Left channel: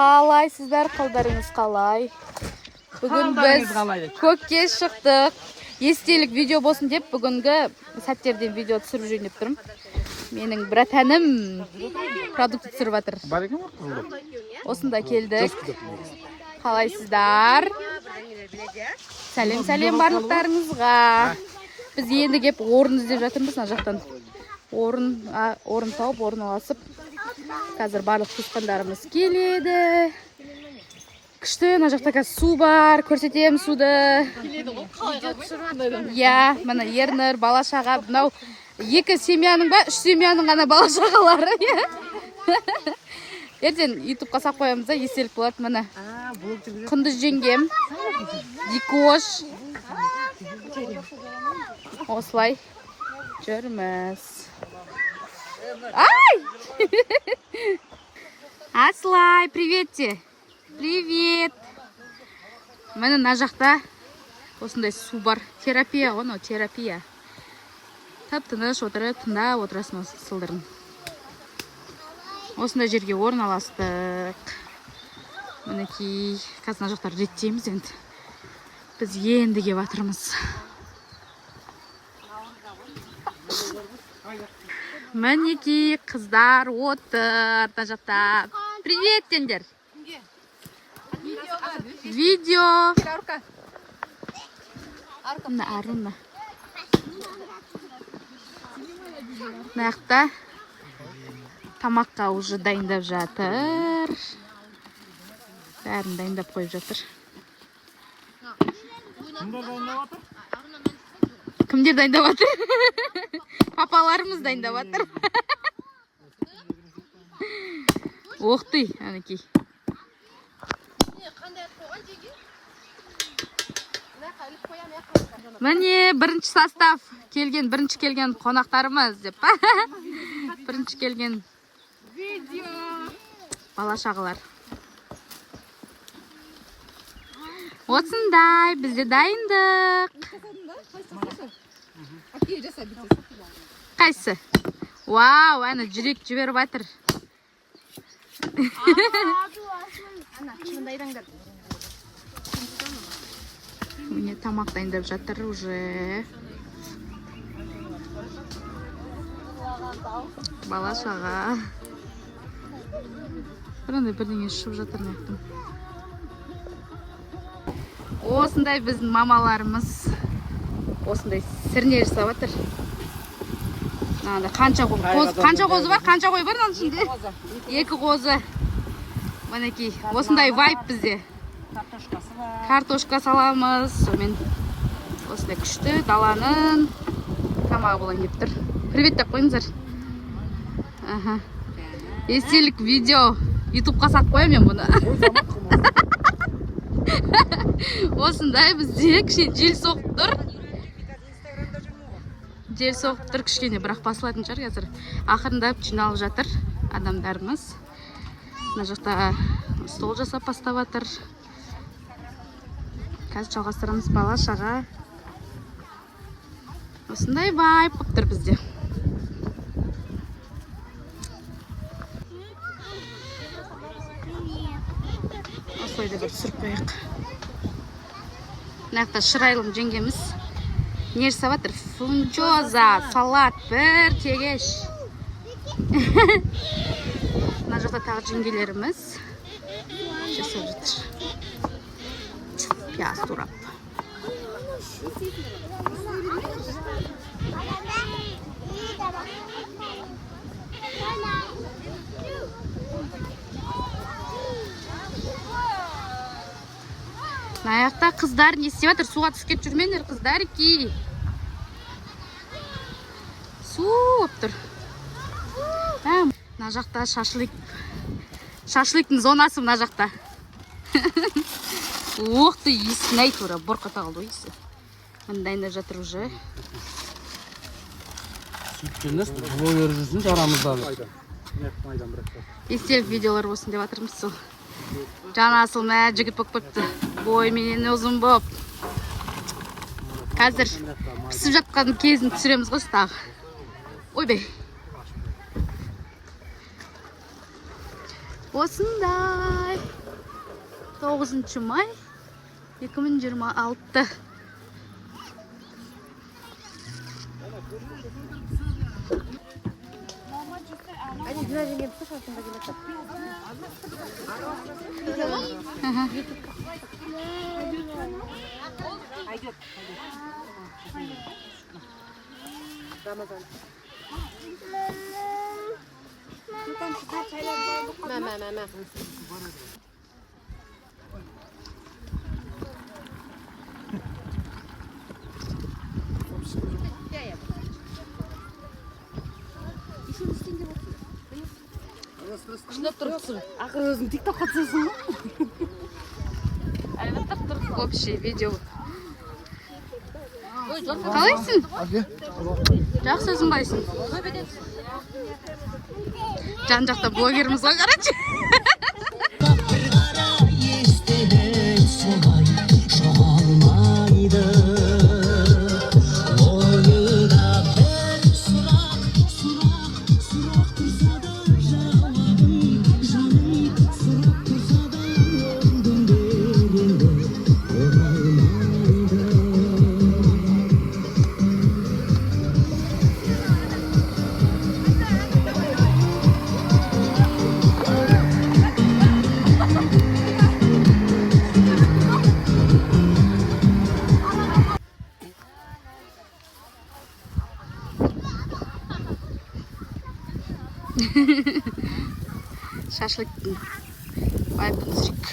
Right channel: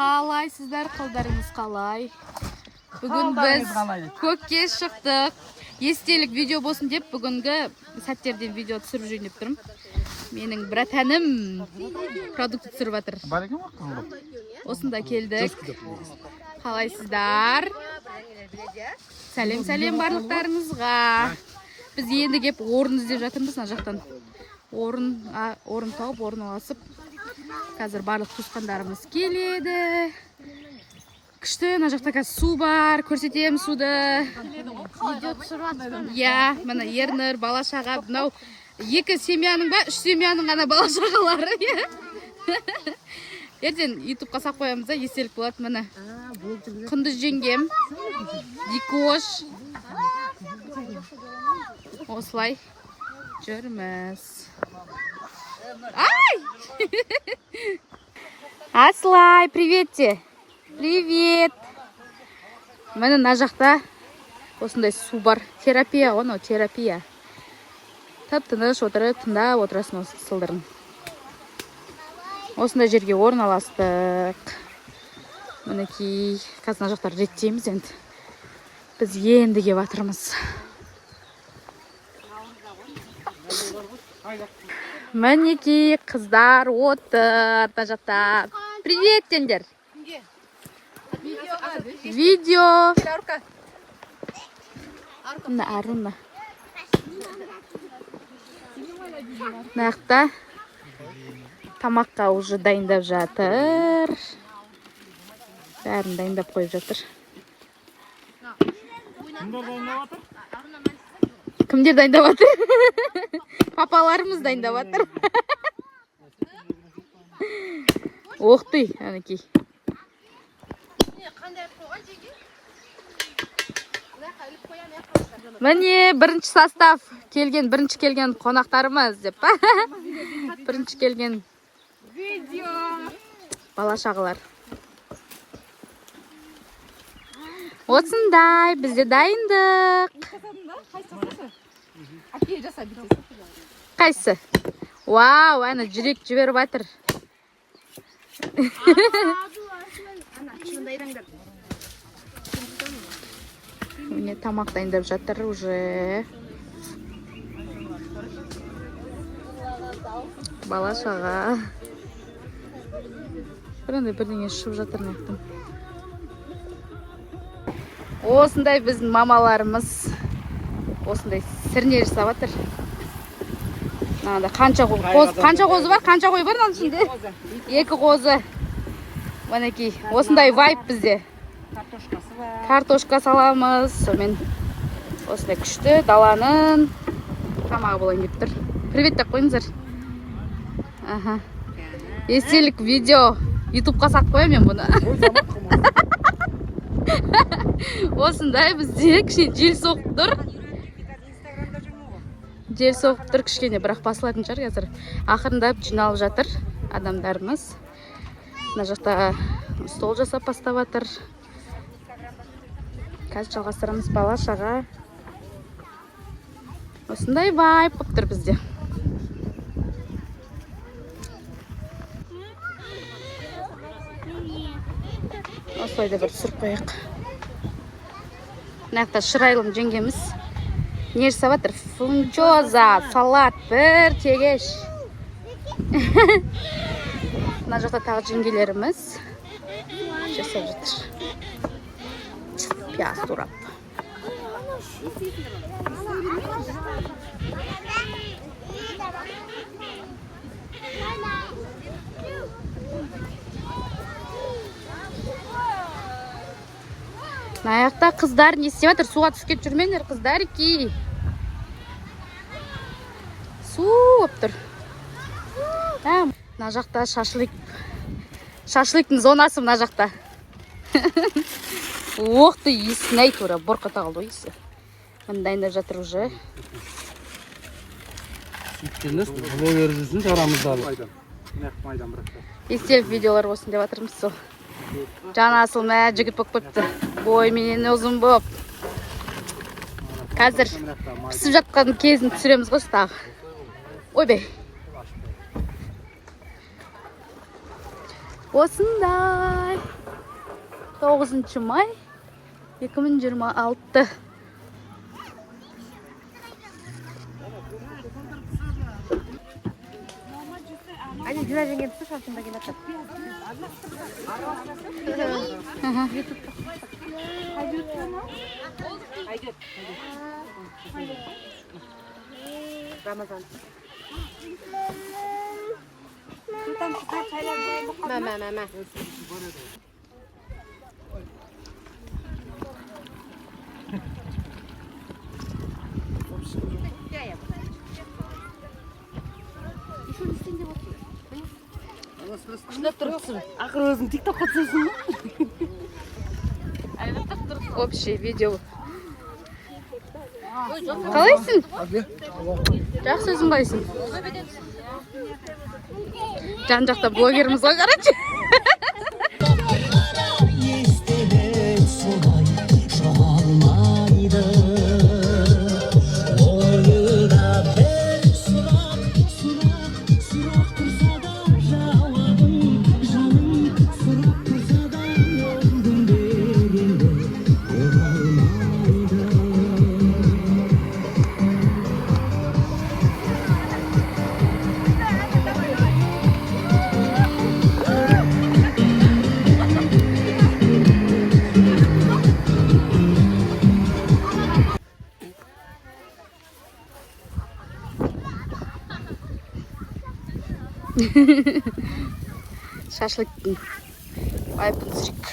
Қалайсыздар, қалдарыңыз қалай? Бүгін біз көкке шықтық. Естелік видео болсын деп, бүгінгі сәттерден видео түсіріп жүрейін деп тұрмын. Менің братаным продукт түсіріп жатыр. Осында келдік. Қалайсыздар? Сәлем барлықтарыңызға. Біз енді кеп орын іздеп жатырмыз, мына жақтан. Орын тауып, орын аласып. Қазір барлық туысқандарымыз келеді. Күшті, мына жақта қазір су бар, көрсетем суды. Иә, мына Ернір, бала-шаға, мынау 2 семьяның ба, 3 семьяның ғана бала-шағалары. Ертең ютубқа сап қоямыз да, естелік болады. Міне Құндыз жеңгем, Дикош. Осылай жүрміз. Ай! Аслай, приветте. Привет. Міне мына жақта осындай су бар. Терапия ғой, терапия. Тып-тыныш отырып, тыңдап отырасың осы сылдырын. Осындай жерге орналастық. Мінекей, қазір мына жақтар реттейміз енді. Біз енді кеп жатырмыз. Мінекей, қыздар отыр мына жақта. Привет деңдер. Видео. Мына Аруна. Мына жақта тамаққа уже дайындап жатыр. Бәрін дайындап қойып жатыр. Кімдер дайындап жатыр? Кімдер дайындап жатыр? Папаларымыз дайындап жатыр. Оқты, әнекей. Міне бірінші состав келген, бірінші келген қонақтарымыз деп. Бірінші келген бала-шағалар. Осындай, бізде дайындық. Қайсы? Вау, әні жүрек жіберіп жатыр. Міне тамақ дайындап жатыр уже. Бала-шаға. Бірдеңе шып жатыр нәқтім. Осындай біздің мамаларымыз осындай сірне жасап жатыр. Қанша қозы бар? Қанша қой бар оның ішінде? 2 қозы. Мінекей, осындай вайп бізде. Картошка саламыз. Сонымен осындай күшті даланың тамағы болайын деп тұр. Привет деп қойыңыздар. Естелік видео ютубқа сап қоям мен бұны. Осындай бізде кішкене жел соғып тұр. Жел соғып тұр кішкене, бірақ басылатын шығар қазір. Ақырындап жиналып жатыр адамдарымыз. Мына жақта стол жасап бастап жатыр. Қазір жалғастырамыз бала-шаға. Осындай вайп болып тұр бізде. Осылай да бір түсіріп қояйық. Мына жақта шырайлым жеңгеміз. Не жасап жатыр? Фунчоза, салат, бір тегеш. Мына жақта тағы жеңгелеріміз жасап жатыр. Пияз турап. Мына жақта қыздар не істеп жатыр? Суға түсіп кетіп жүрмеңдер, қыздар ки. Су болып тұр. Мына жақта шашлык. Шашлыктың зонасы мына жақта. Оқты, есін ай тура, бұрқата қалды ойсы. Мені дайындап жатыр уже. Сүткеніз, блогер жүрсін жарамыздағы. Естелік видеолар болсын деп жатырмыз сол. Жаны асыл мә жігіт болып көпті. Бой менен ұзын болып. Қазір пісіп жатқан кезін түсіреміз ғой стағы. Ой бей. Осындай 9 май 2026. Ақыр өзің тиктокқа түсесің ба? Общий видео. Қалайсың? Жақсы өзің қалайсың? Жан жақта блогеріміз ғой, қарашы. Шашлыктың байпын түсірек.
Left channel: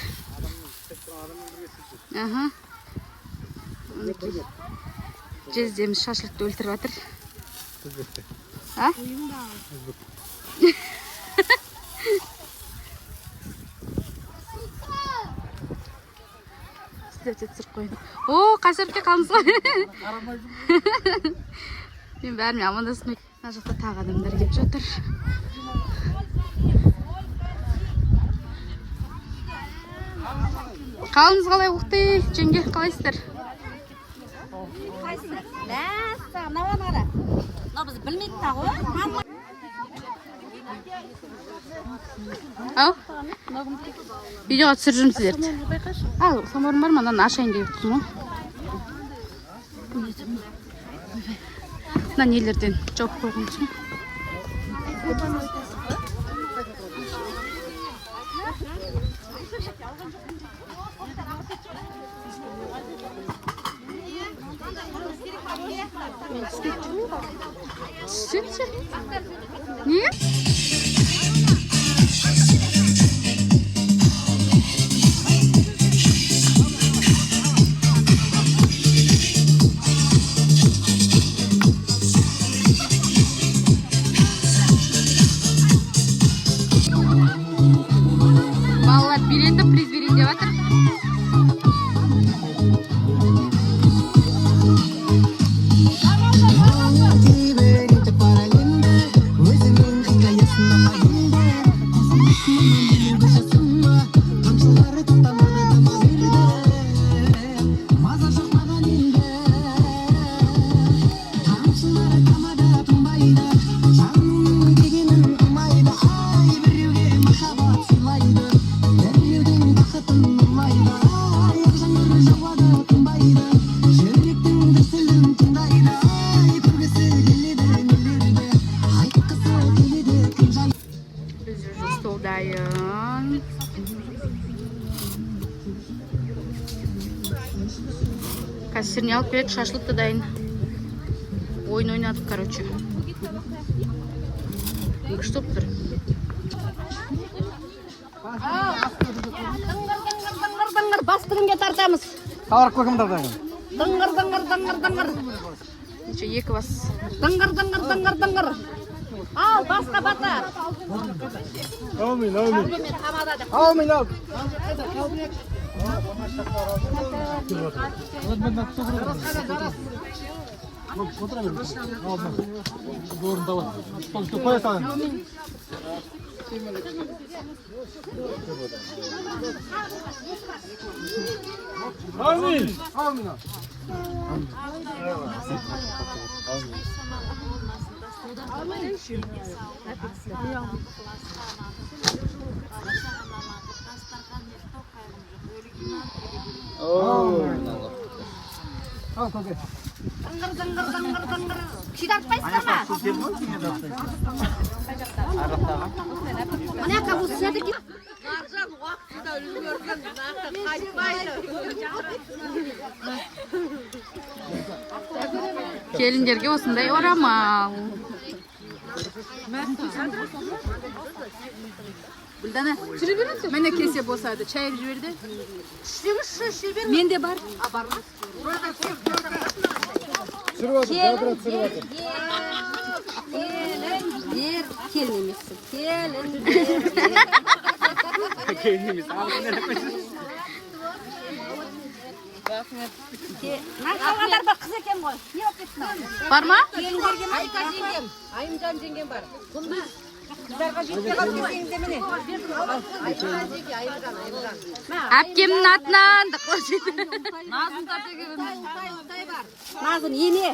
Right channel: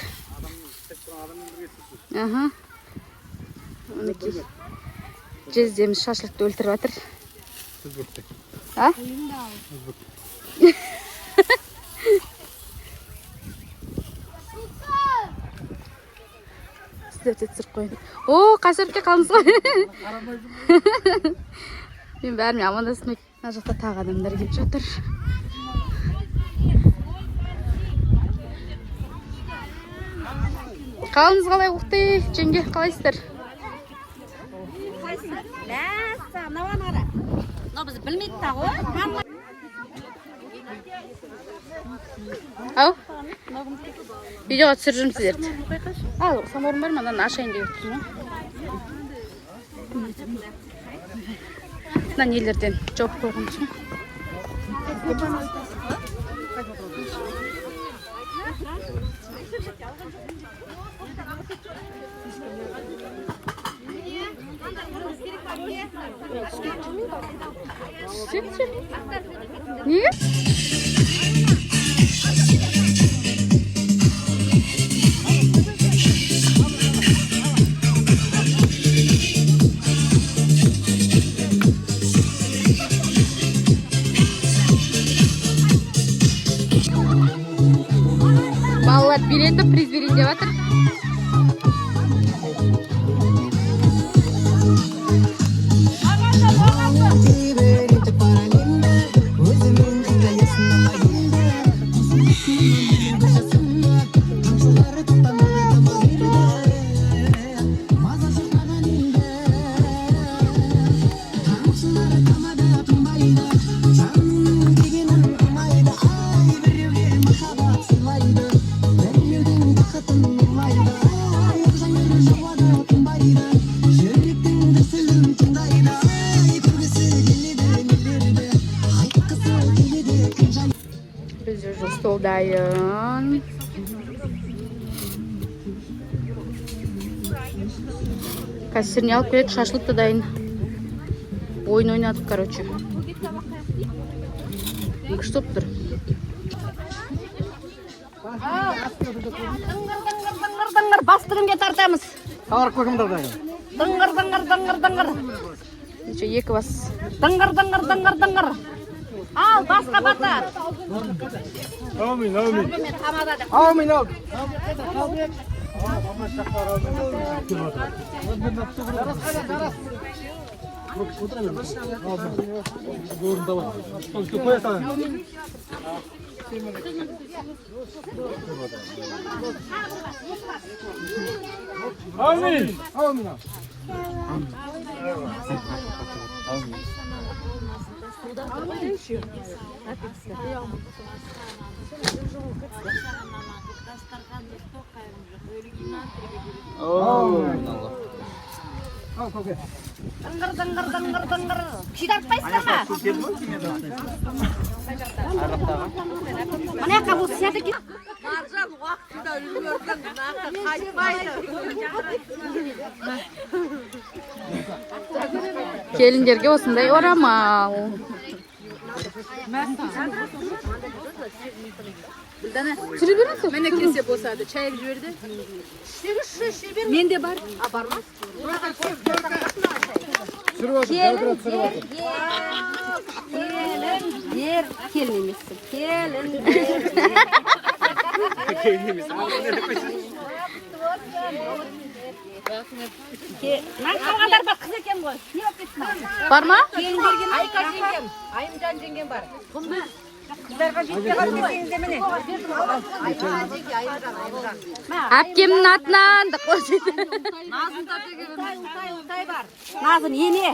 Онекей жездеміз шашлыкты өлтіріп атыр. Сіздерде түсіріп қойын. О, қашыртке қалыңыз ғой. Мен бәріме амандасым. Мына жақта тағы адамдар келіп жатыр. Қалыңыз қалай ұқты, жеңге қалайсыздар? Ау? Видеоға түсіріп жүрмін сіздерді. Ал, саморын бар ма? Мынаны ашайын деп отырмын. Мына нелерден жауып қойғым үшін. Не? Балалар билеті приз берейін деп жатыр. Biz уже столдайын. Кассирне алып келеді, шашлықты дайын. Ойын ойнадық, короче. Күшті тұр. Дыңғыр, бастырын бет артамыз. Қағар көкімдір дайын. Дыңғыр. Неше, екі бас. Дыңғыр. Ал, басқа бата. Амин. Дыңғыр. Күйдіртпайсыздар ма? Мына жаққа бұл сынады ке. Келіндерге осындай орамал. Сүре бересің? Міне кесе босады, чай жіберді. Менде бар. А, бар ма? Келін, ер, келін емессің. Келін, ер. Мен қалғандар бар қыз екен ғой. Не болып кетсін? Бар ма? Келін берген Айка жеңгем. Айымжан жеңгем бар. Құлды. Әпкемнің атынан да Назын ене.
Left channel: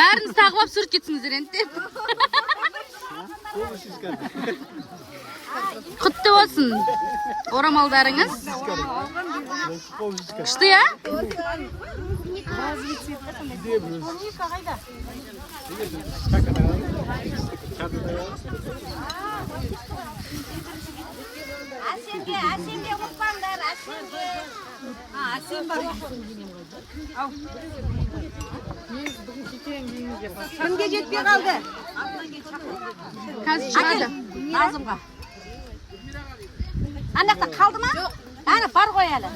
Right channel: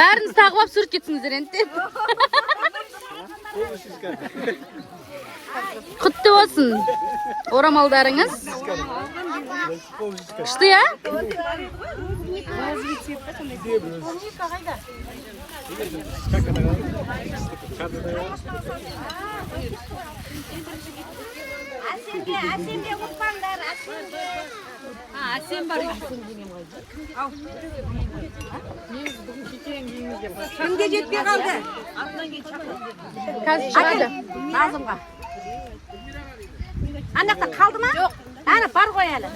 бәрін сағылап сүріп кетсіңіздер енді. Құтты болсын орамалдарыңыз. Күшті, я? Әсемге ұмытпаңдар, әсемге. Әсем бар. Кімге жетпей қалды? Қазір шығады. Назымға. Анақта қалды ма? Ана бар ғой әлі.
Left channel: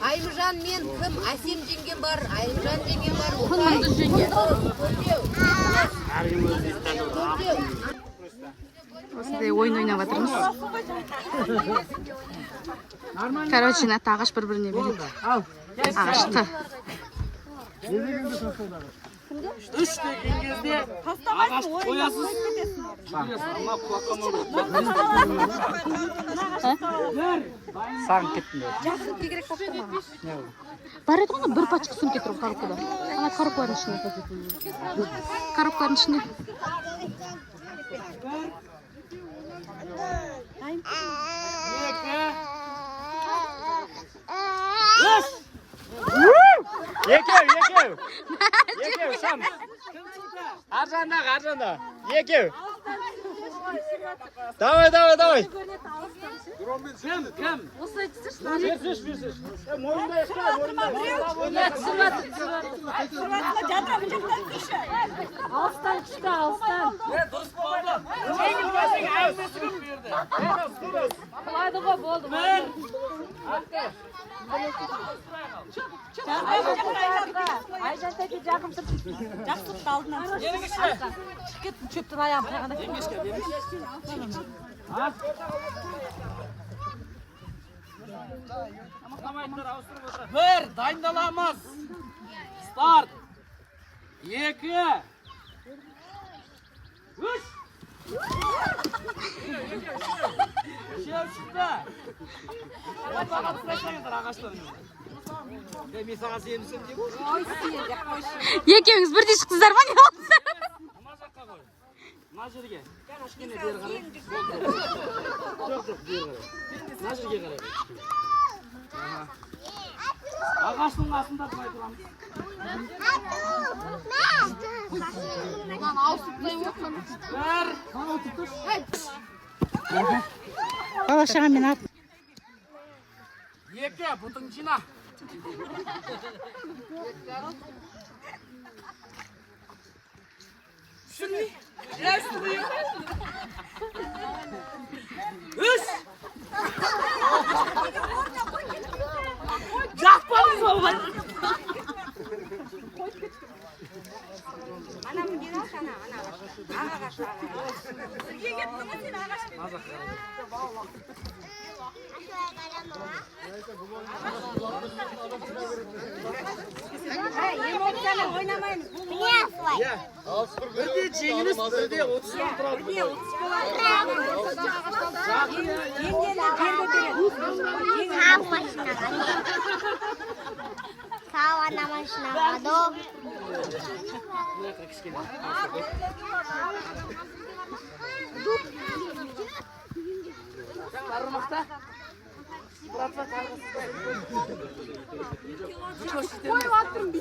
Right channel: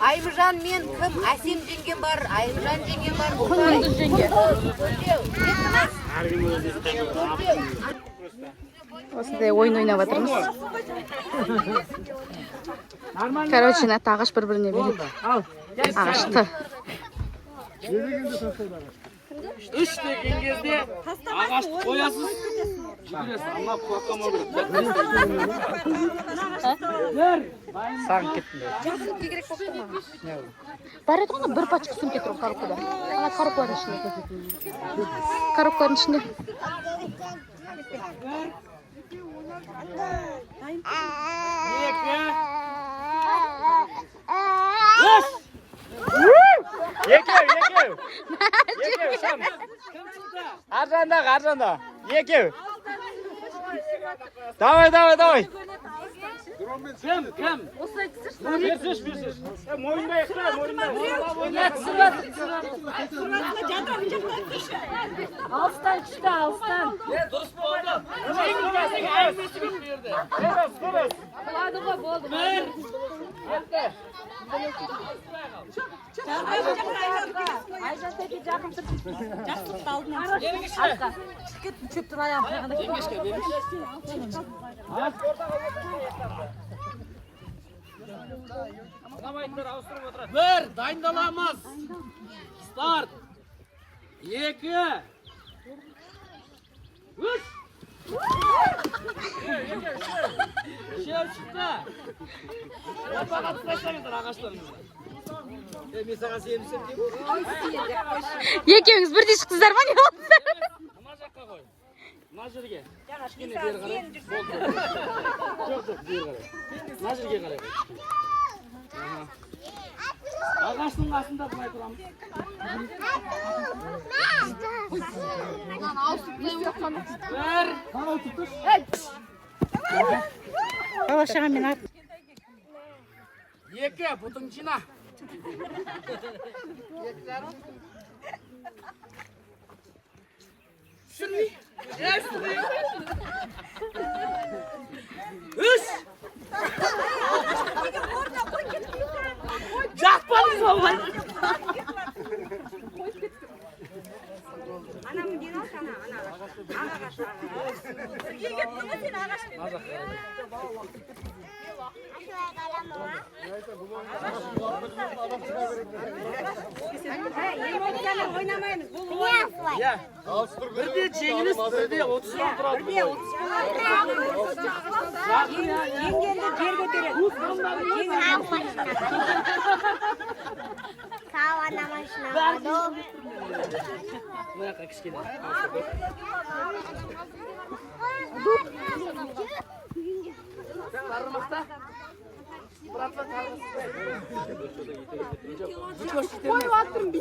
Айымжан мен кім? Әсем жеңгем бар, Айымжан жеңгем бар. Құндыз жеңге. Осындай ойын ойнап жатырмыз. Короче, нәтті ағаш бір-біріне береді. Ағашты. Үш деген кезде ағашты қоясыз. Жүресіз, ана қуаққама Бар еді ғана бір пачка сөмке тұрып коробкада. Ана коробкалардың ішінде. Коробкалардың ішінде. Екеу, шам. Аржанда. Екеу. Давай. Кім? Bir, dayındalamaz. Start. 2. 3. Şev çıktı. Ortağa tutacaklar ağaçlarını. Ben sana sevmişim diye. Екеуіңіз бірдей шықтыңыздар ма, не болдыңыздар? Ama жаққа қой. Мына жерге. Кішкене бері қарай. Жоқ, бері қарай. Мына жерге қарай. Ағаштың астында тұрмай тұрамыз. Екі, бұтың жина. Үш. Жақпадыңыз олай. Бірде жеңіліс, бірде 30 тұрады. Бірде 30 болады. Жеңгелі жер көтереді. Bu yoqqa kichkina.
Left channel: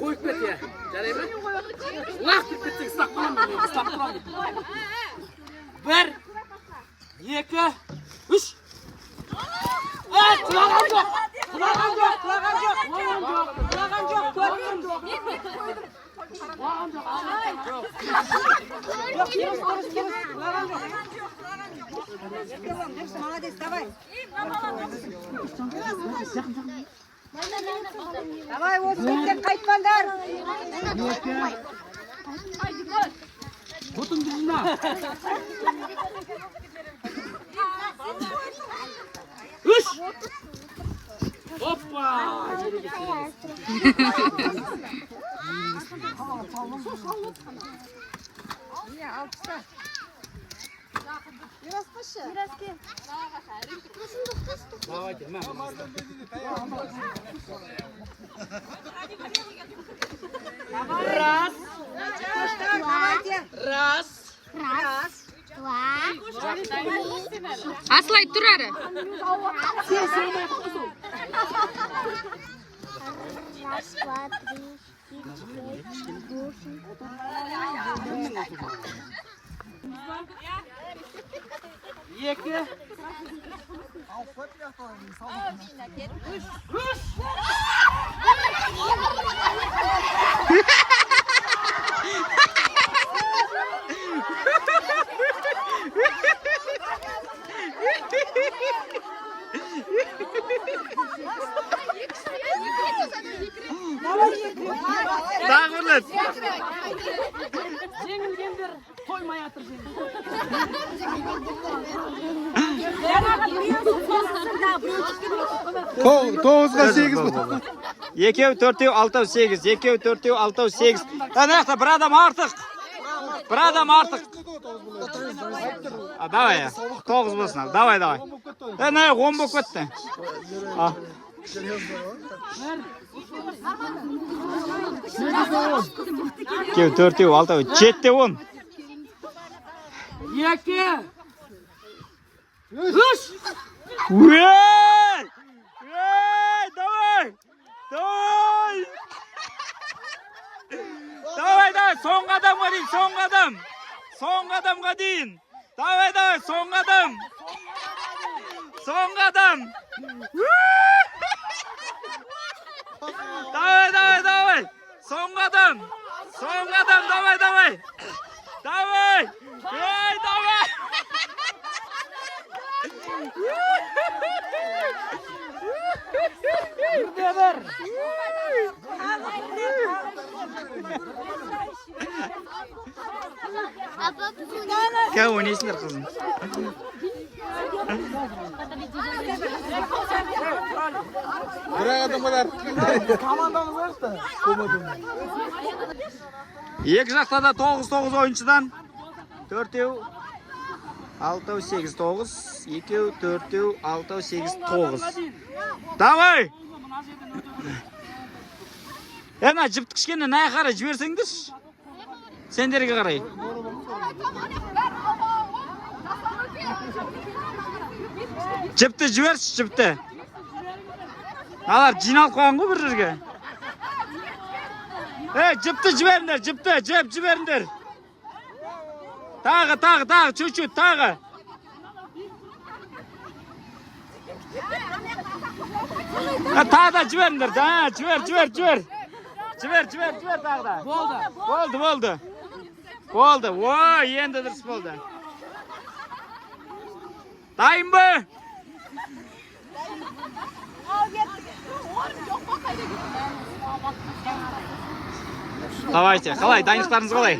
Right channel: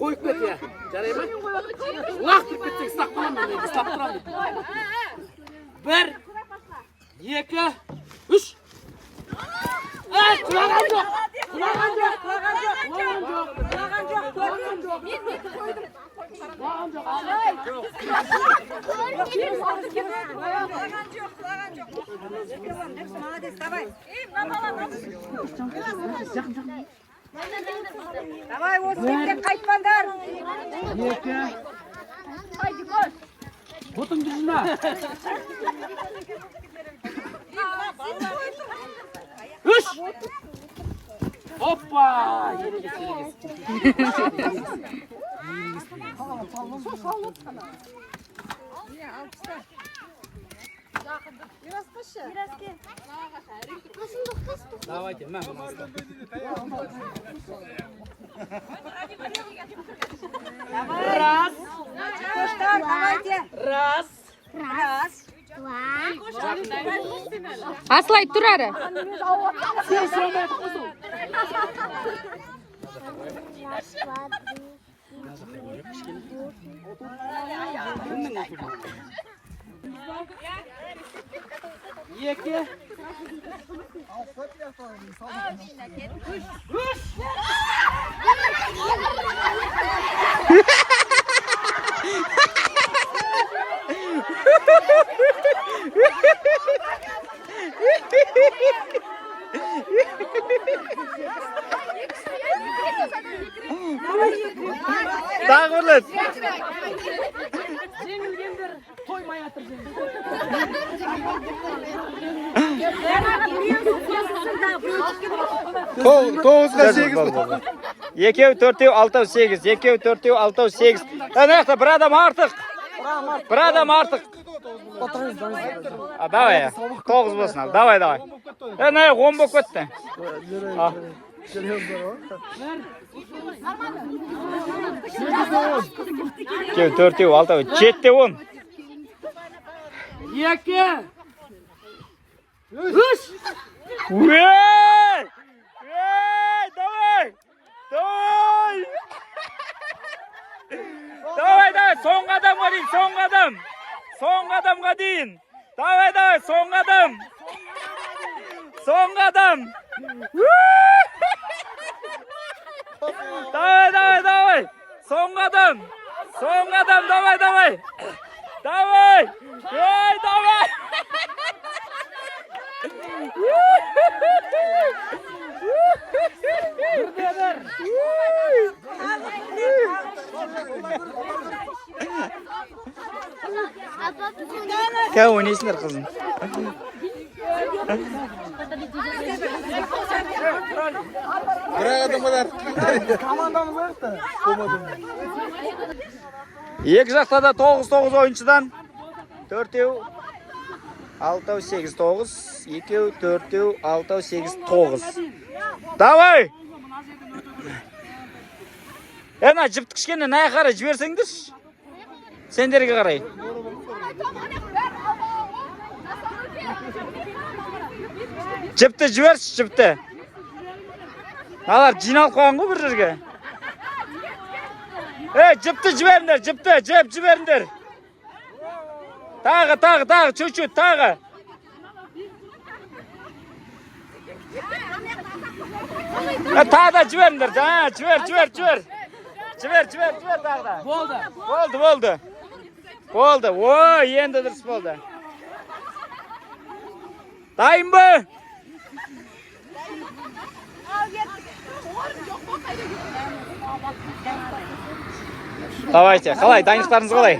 Qo'yib ket ya. Jaraymi? Vaqt bitdi, istab qolaman men, istab turaman. 1 2 3 Qulagan yo'q. Qulagan yo'q. Qulagan yo'q. Qulagan yo'q. Молодец, давай. Давай, Ozbekdan qaytmanglar. Botun düzüne. Üç. Hoppa. Давайте, mən bunu aldım. Давай, раз. Давайте. Раз. Аслай тұр әрі. Екі. Dağılır. Жеңілгендер қоймай атыр жеңіл. Toğuzga 8 mi? Ekev, törtev, altav 8. Ekev, törtev, altav 8. Neyse, bir adam artık. Bir adam artık. Давай ya. 9 bolsun al. Давай. Ne 10 bok öttü. Ekev, törtev, altav 7'de 10. Екі. Үш. Давай, son adamga deyin, son adam. Son adamga deyin. Давай, son adam. Son adam. Давай. Son adam. Son adam, давай. Давай. Давай. Бірде бір. Kau oynayışlar kızım. Buraya adamlar. İki жақта da 9 oyuncudan 4-ev 6 8 9 2 4 6 8 9. Давай. Ena jipti kishkene naya qara jibersеңдер. Senderге qaray. Jipti jibersiz, jipti. Alar jиналып qo'ygan ku bir yerga. Jipti jiberinglar, jipti, jiberinglar. Tag'i, чуть-чуть, tag'i. Tag'da jiberinglar, jiber. Jiber tag'da. Bo'ldi. Voy, endi durs bo'ldi. Dayımmi? Давайте, қалай, дайындықтарыңыз қалай?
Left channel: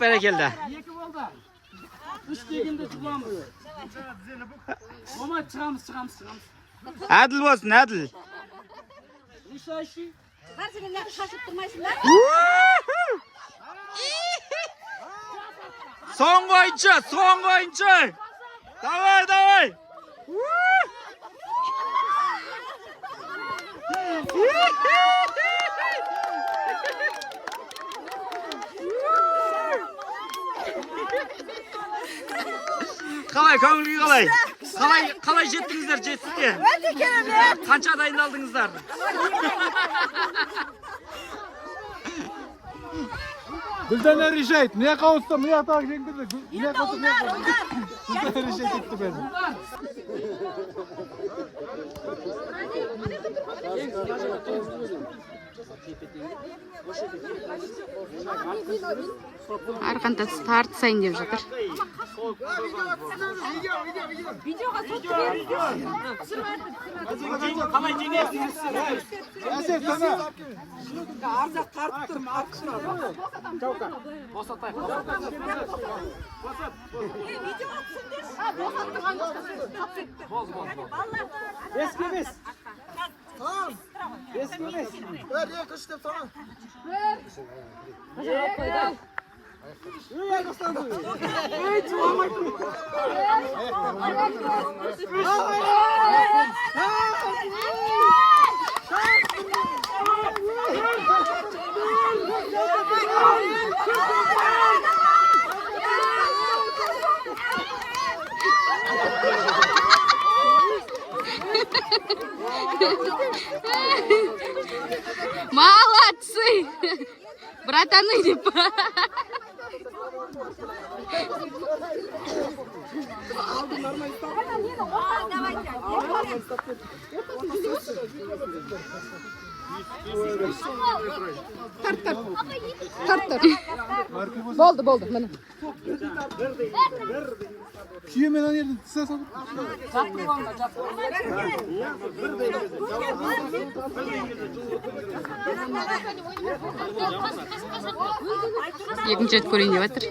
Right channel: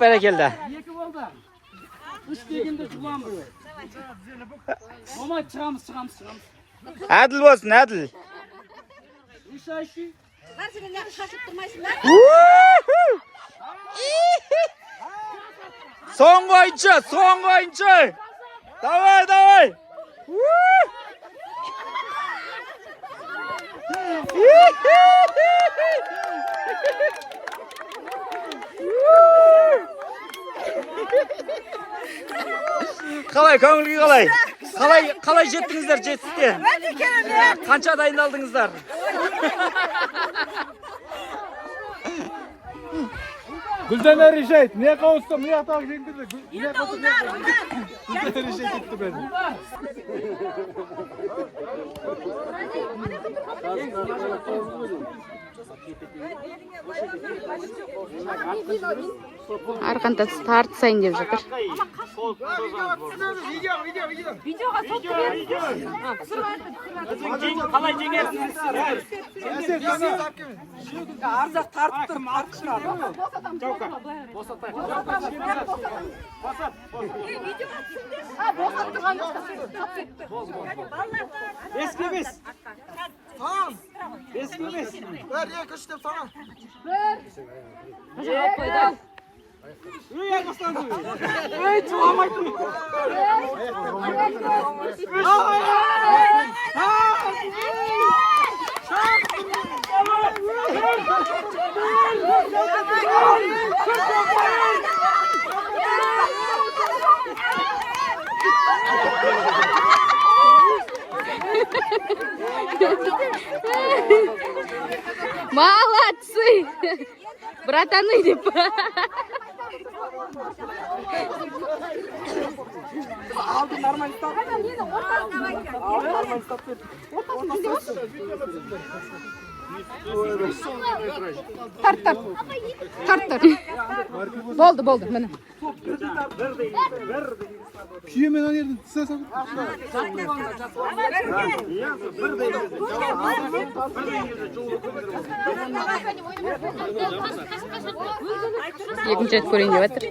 Бәрекелді. Екі болды. Үш дегенде жұлам бұл. Ома шығамыз. Әділ болсын, әділ. Үш айшы. Соңғы ойыншы. Давай. Қалай, көңілге қалай? Қалай жеттіңіздер жетістікке? Қанша дайындалдыңыздар? Гүлдена решает. Мне кажется, мне так жеңдірді. Мне кажется, Гүлдена решает етті бәрін. Арқан тартысайын деп жатыр. Қалай жеңесіңіз? Арзақ тартып тұрмын, артышын алдым. Молодцы! Братаны деп. Тарт. Болды, міне. Күйемен ана жерден тыса салып. Екінші рет көрейін деп жатыр.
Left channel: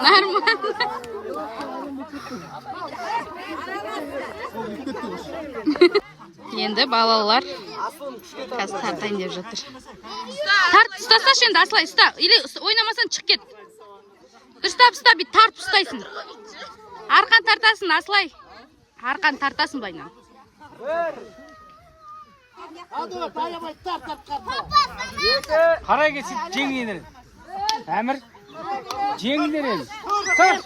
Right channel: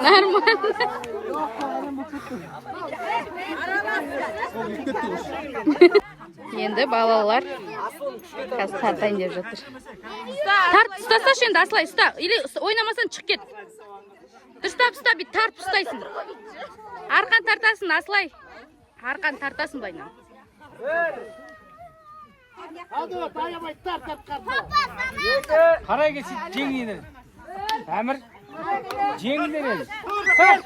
Нормально. Енді балалар қазір тартайын деп жатыр. Тарт, ұстасашы енді Асылай, ұста. Или ойнамасан шығып кет. Дұрыстап ұста, бит тартып ұстайсың. Арқан тартасың, Асылай. Арқан тартасың байнан. Қарай кетсін, жеңдер. Әмір, жеңдер. Тарт.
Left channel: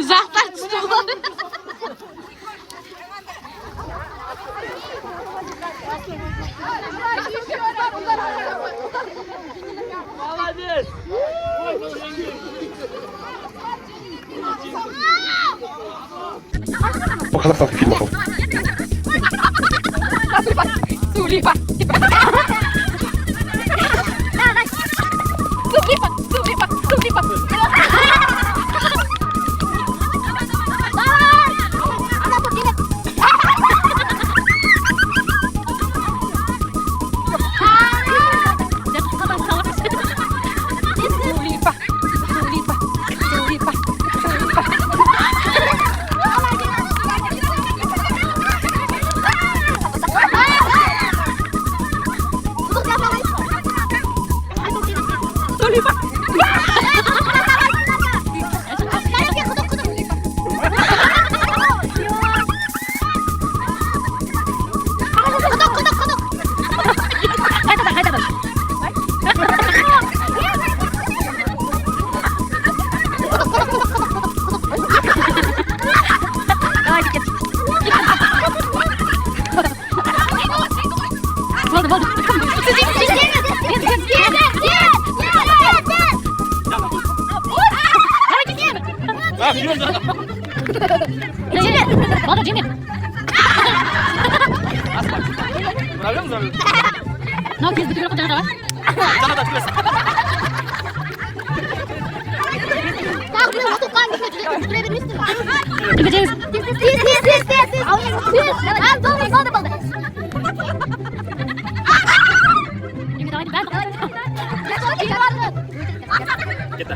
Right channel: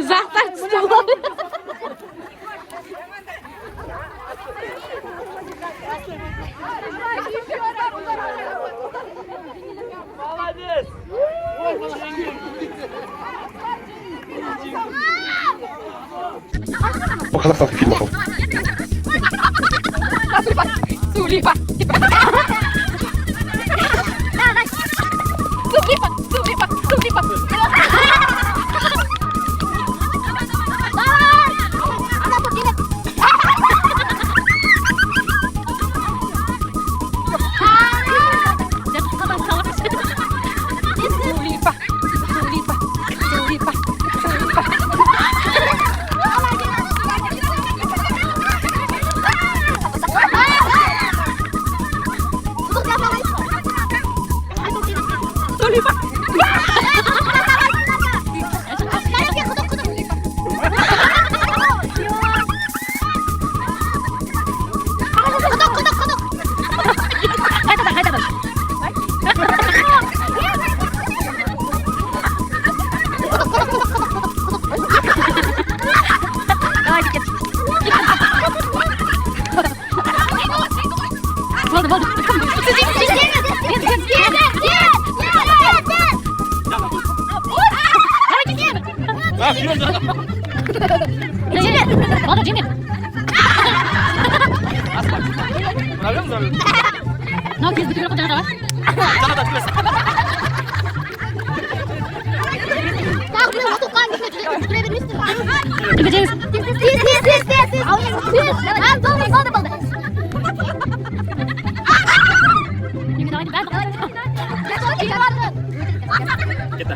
Ұзақтар түсті болады. Показав фільмов. Сулипа. 맞아, 지민. 나 계속 그렇게 잘하잖아. 이거 제일 이미 나와 있는 됐다.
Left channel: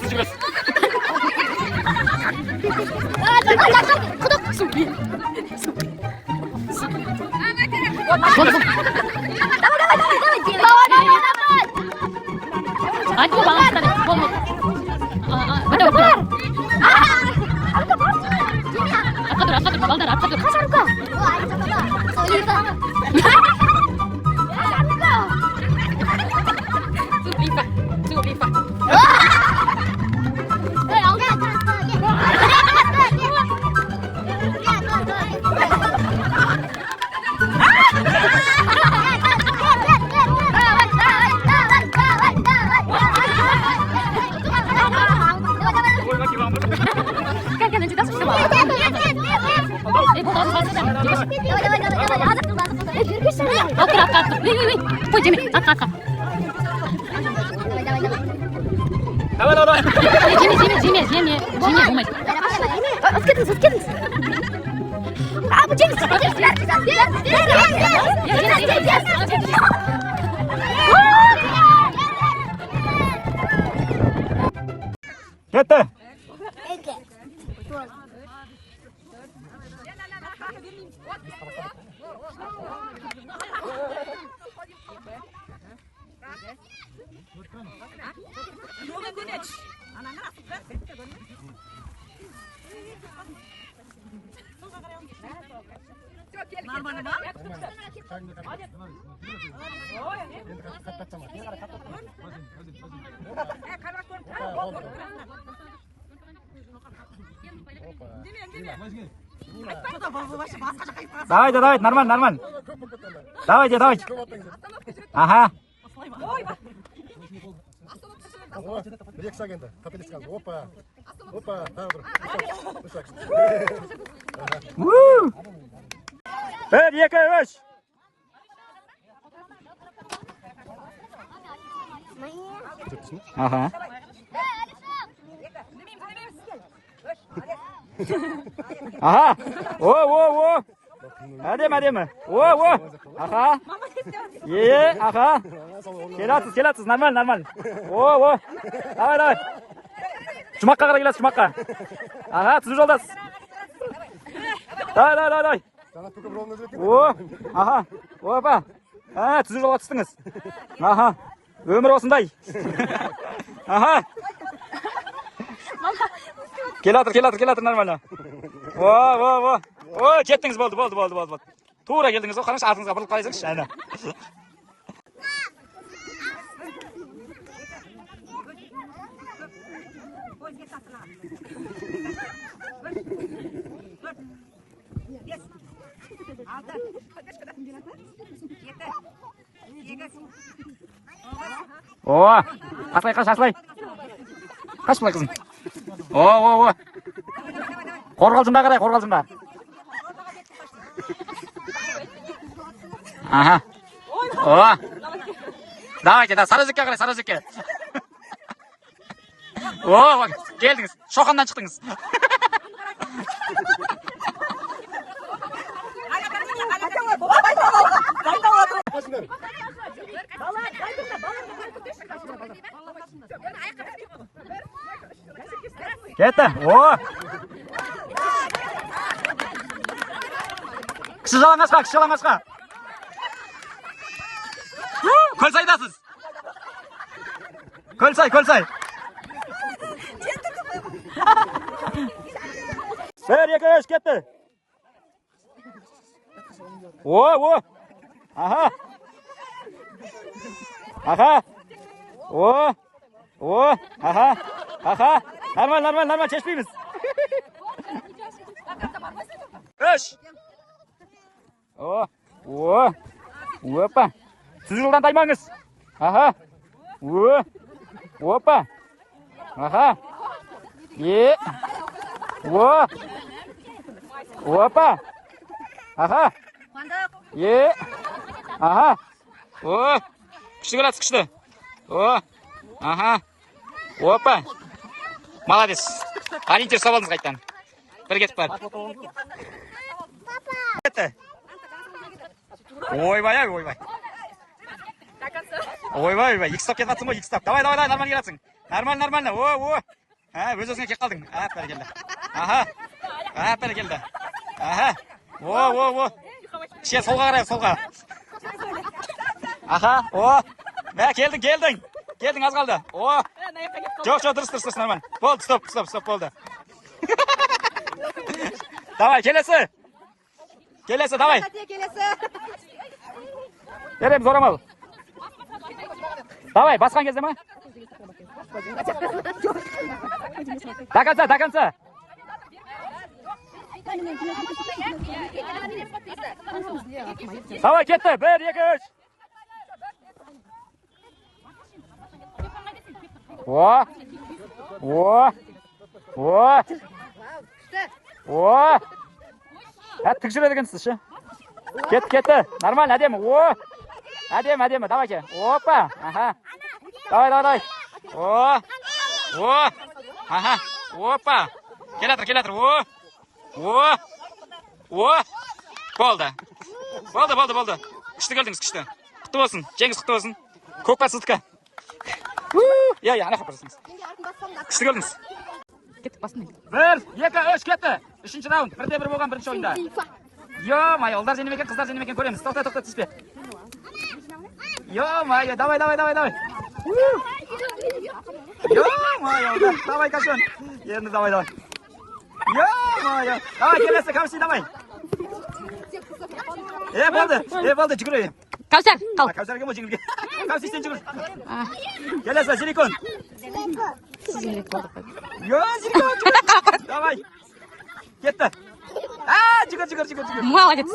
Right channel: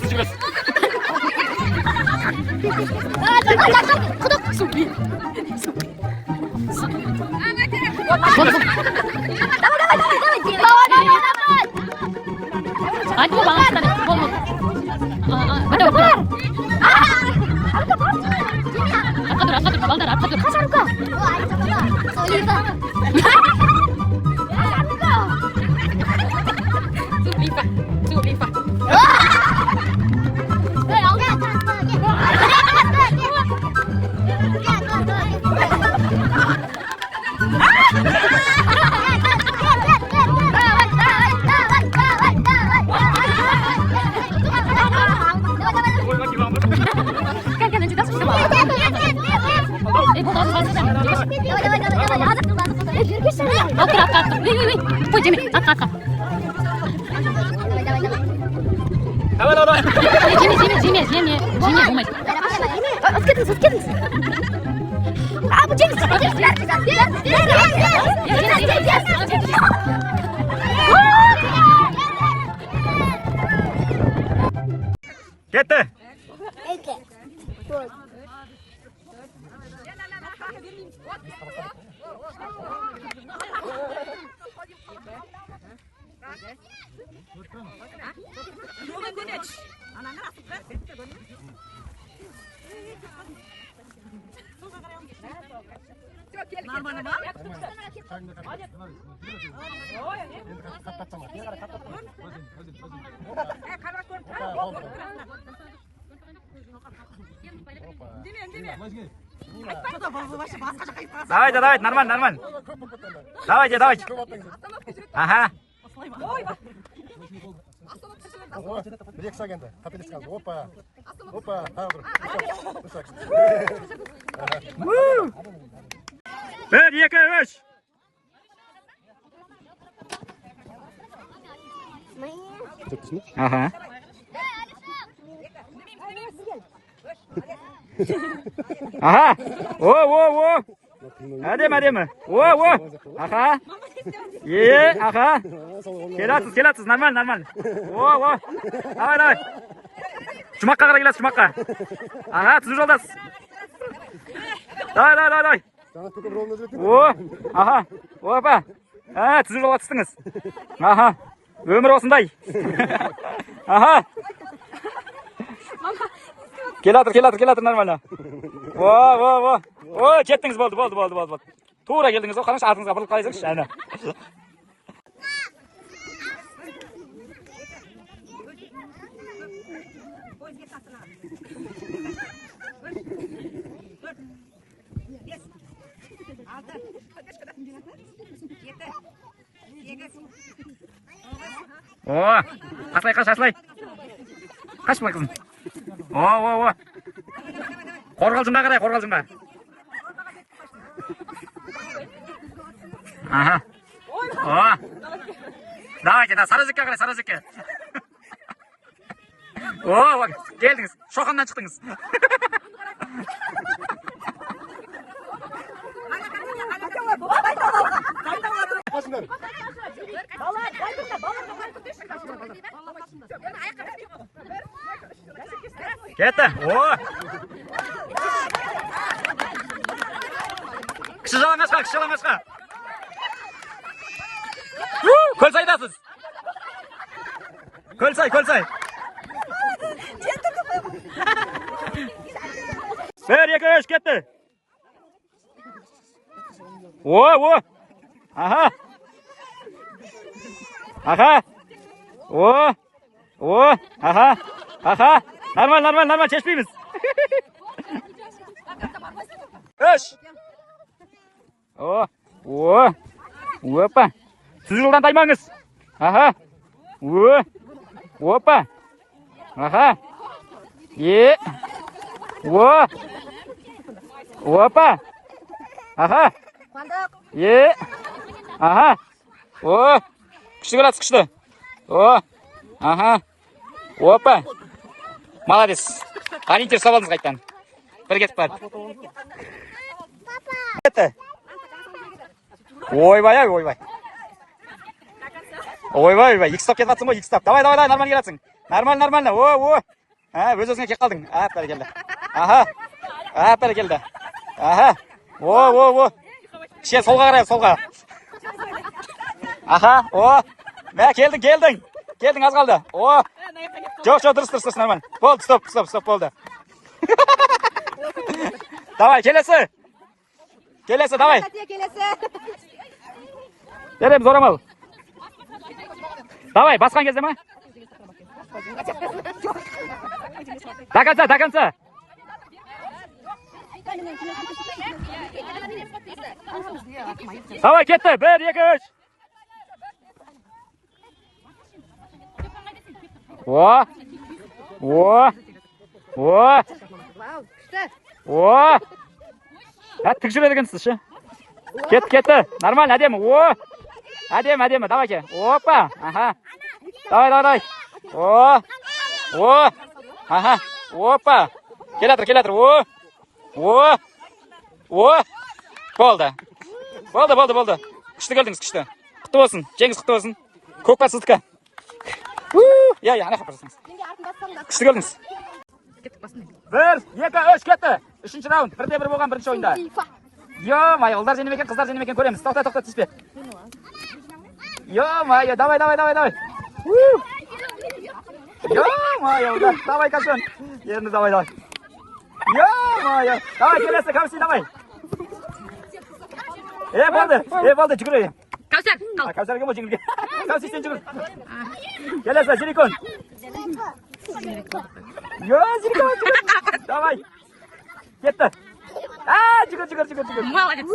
수줍었어. 아니 뭐 망했다. 뭐 맞다 맞다. 아까들 말들 아까들. 아까. 나와. 지미 몸에. 됐다. Давай, нормально. Давайте. Ага. Рек сагенде, капелес қалды. Опа. Тағы бір. Bir, iki, üç. Aha. Aha. О. Әдемі. О. Аха. Аха. Келатсыз, нормально. О. Давай. Жұмаққа қарай келесіз, жұмаққа. Аха, түзу жолдасыз. Давай. О, аха. Опа. Түзу жолға түстіңіз. Аха. Өмір осындай. Аха. Келатыр, нормально. О, кеттіңіз, болды. Тура келдіңіз, қараңыз, артыңызға бұрылып қарайсаңызшы, әне. О, аслай. Қаш былай қызым. О. Қорғалжынға қарай, қорғалжынға. Аха. О. Давайте, сарыжекке қарай, сарыжекке. О, келдіңіз, шоқаннан шықтыңыз. Кетті. О. Кіші жалаңашқа. Көлсайдасыз. Көлсай. Bir, iki, üç, кетті. О. Аха. О. Аха. Нормально, шешпейміз. Үш. О. Опа. Түзу жолдан таймаңыз. Аха. Опа. Aha. Ye. Wo. Опа. Aha. Ye. Aha. O. Күшті келатсыз, күшті. О. Aha. Опа. Молодец. Ориентир салып алдыңыз қайттан. Бір кетіп барып. Кетті. Ойбай, ойбай. Ойбай, ойбай. Екі стоп кетіп атсың ғой, екі стоп. Давай, нормально келатсың. Нормально. О. Өз-өзіңе кеп қалдың. Бәрекелді. Аха. Бәрекелді. Аха. О. Кішкене солға қарайық, солға. Аха. О. Мә, келдің. Келдің, аз қалды. О. Жоқ, дұрыс, нормально. Болды, стоп, болды. Давай, келесі, давай. Береміз орамал. Давай, басқан кезде ма? До конца. Давай, кетті. 1, 2, 3. О. Тік жүреді екенсіз, ше. Кетті. Нормально, әдемі. О. Әдемі. Давай ке. Опа. Аха. Давай. О. Аха. Опа. Келатыр. О. Болды. Күшті келдіңіз, күшті. Құтты болсын. Жеңіс құтты болсын. Көкпар сыздыққа. Ана қапырсыңыз. Күшті келдіңіз. 1, 2, 3 кетті. 3-ші раунд. 1-1 болған бірінші ойында. Ё-май, ұлдар женемекен, қыздар женемекен көреміз. Тоқта, түспе. Ё-май, давай. Ё-май, ұлдар. Давай, кашон. Енді давай. Ё-май, давай, келесі, камси, давай. Болды, жүгірейін. Кәусар, қал. Кәусарге мо жеңілге. Камси, сен жүгір. Келесі, силикон. Силикон. Давай. Кетті. Жүгір. Молодец.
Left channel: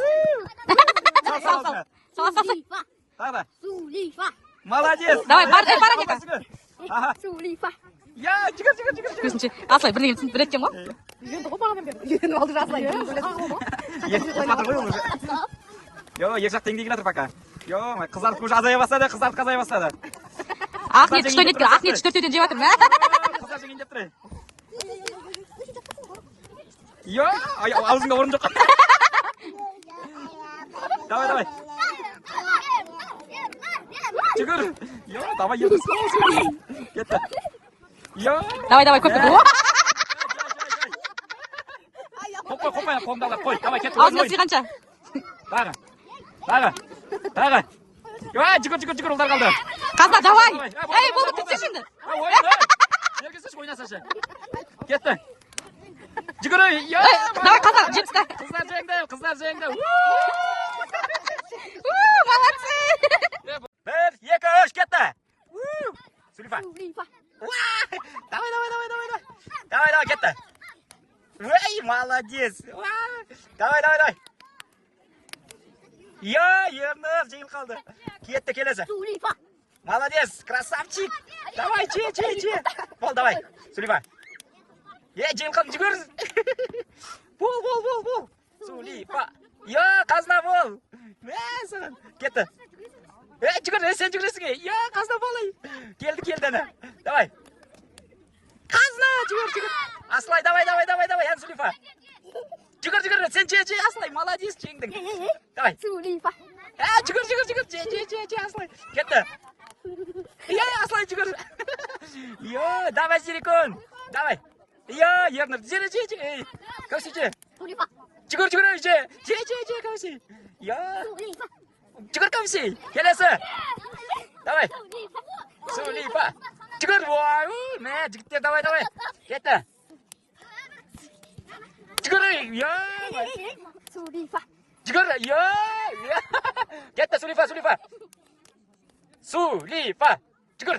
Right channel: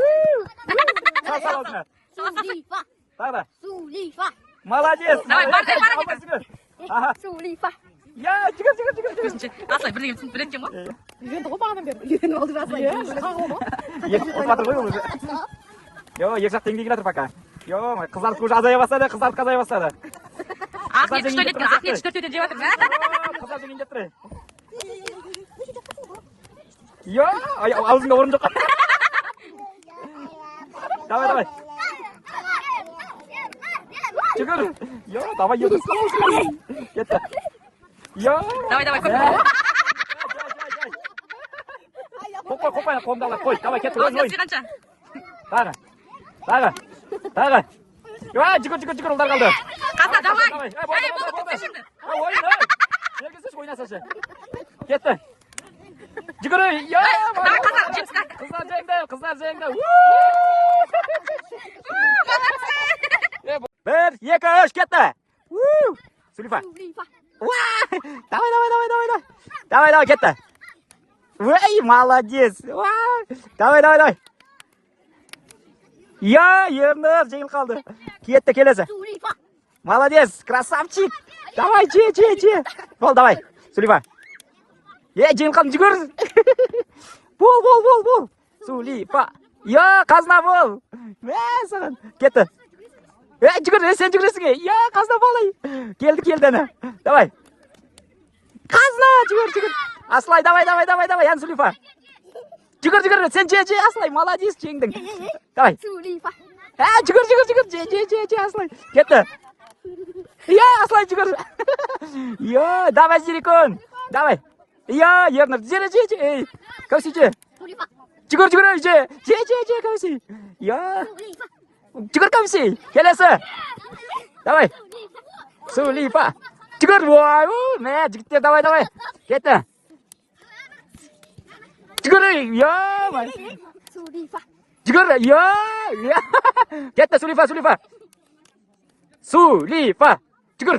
Сулифа. Молодец. Давай, бара кет. Сулифа. Көзінше, асылай, бір еттен ғой. Отыр ғой ол уже. Екі жақ теңдей келатыр пока. Қыздар көз азая бастады. Ақниет 4-тен жеп атым. Қыздар жеген деп тұрай. Аузыңда орын жоқ. Давай. Жүгір. Давай, еді. Кетті. Давай, көпті. Қопай, қолымда алар, қой. Давай, кетті. Аузына сиғанша. Тағы. Жүгір, ұлдар қалды. Қазда, давай. Болды, кетсе şimdi. Ергесеш, ойнасашы. Кетті. Жүгір. Давай, қаза, жеңісқа. Қыздар жеңді. Молодцы. 1, 2, 3, кетті. Сулифа. Давай, кетті. Молодец. Давай. Ерніз жеңіл қалды. Кетті, келесі. Сулифа. Молодец, красавчик. Давай, че. Бол, давай. Сулифа. Жеңіл қалдың, жүгір. Бол. Сулифа. Қазына бол. Саған. Кетті. Жүгір, сен жүгіресің. Қазына болай. Келді, ана. Давай. Қазына, жүгір. Аслай, давай. Ян Сулифа. Жүгір, сен же, Аслай. Молодец, жеңдің. Давай. Сулифа. Жүгір, же, Аслай. Кетті. Аслай, жүгір. Давай, Силикон. Давай. Ерніп, же. Көсі, же. Сулифа. Жүгір, же, көсі. Жүгір, көсі. Келесі. Давай. Сулифа. Жүгір, жігіттер, давай. Кетті. Жүгір, Сулифа. жүгір, кетті, Сулифа. Жүгір.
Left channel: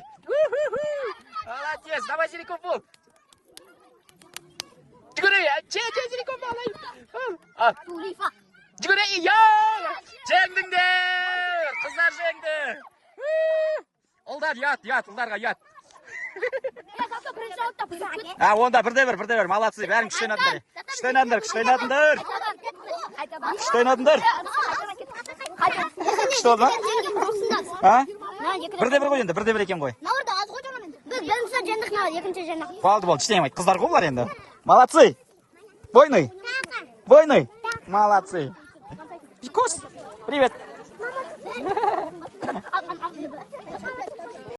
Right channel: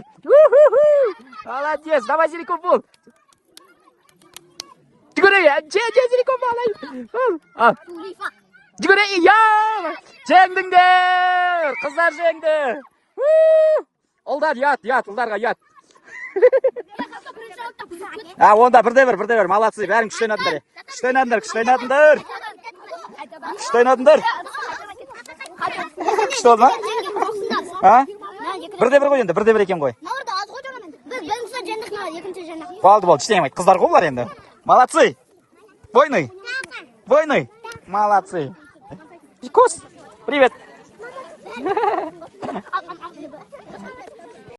Молодец, давай, Силикон бол. Жүгір, Силикон бол. Сулифа. Жүгір, жеңдіңдер. Қыздар жеңді. Ұлдар, ұлдарға ят. А, онда бірде бір. Молодцы. Бәрің күшті ойнадыңдар. Күшті ойнадыңдар. Күшті болды ма? А? Бірде бір ғой енді. Бірде бір екен ғой. Бірінші жандық, екінші жандық. Болды. Ештеңе демейді. Қыздар ғой бұлар енді. Молодцы. Бойный. Молодцы. Кос. Привет.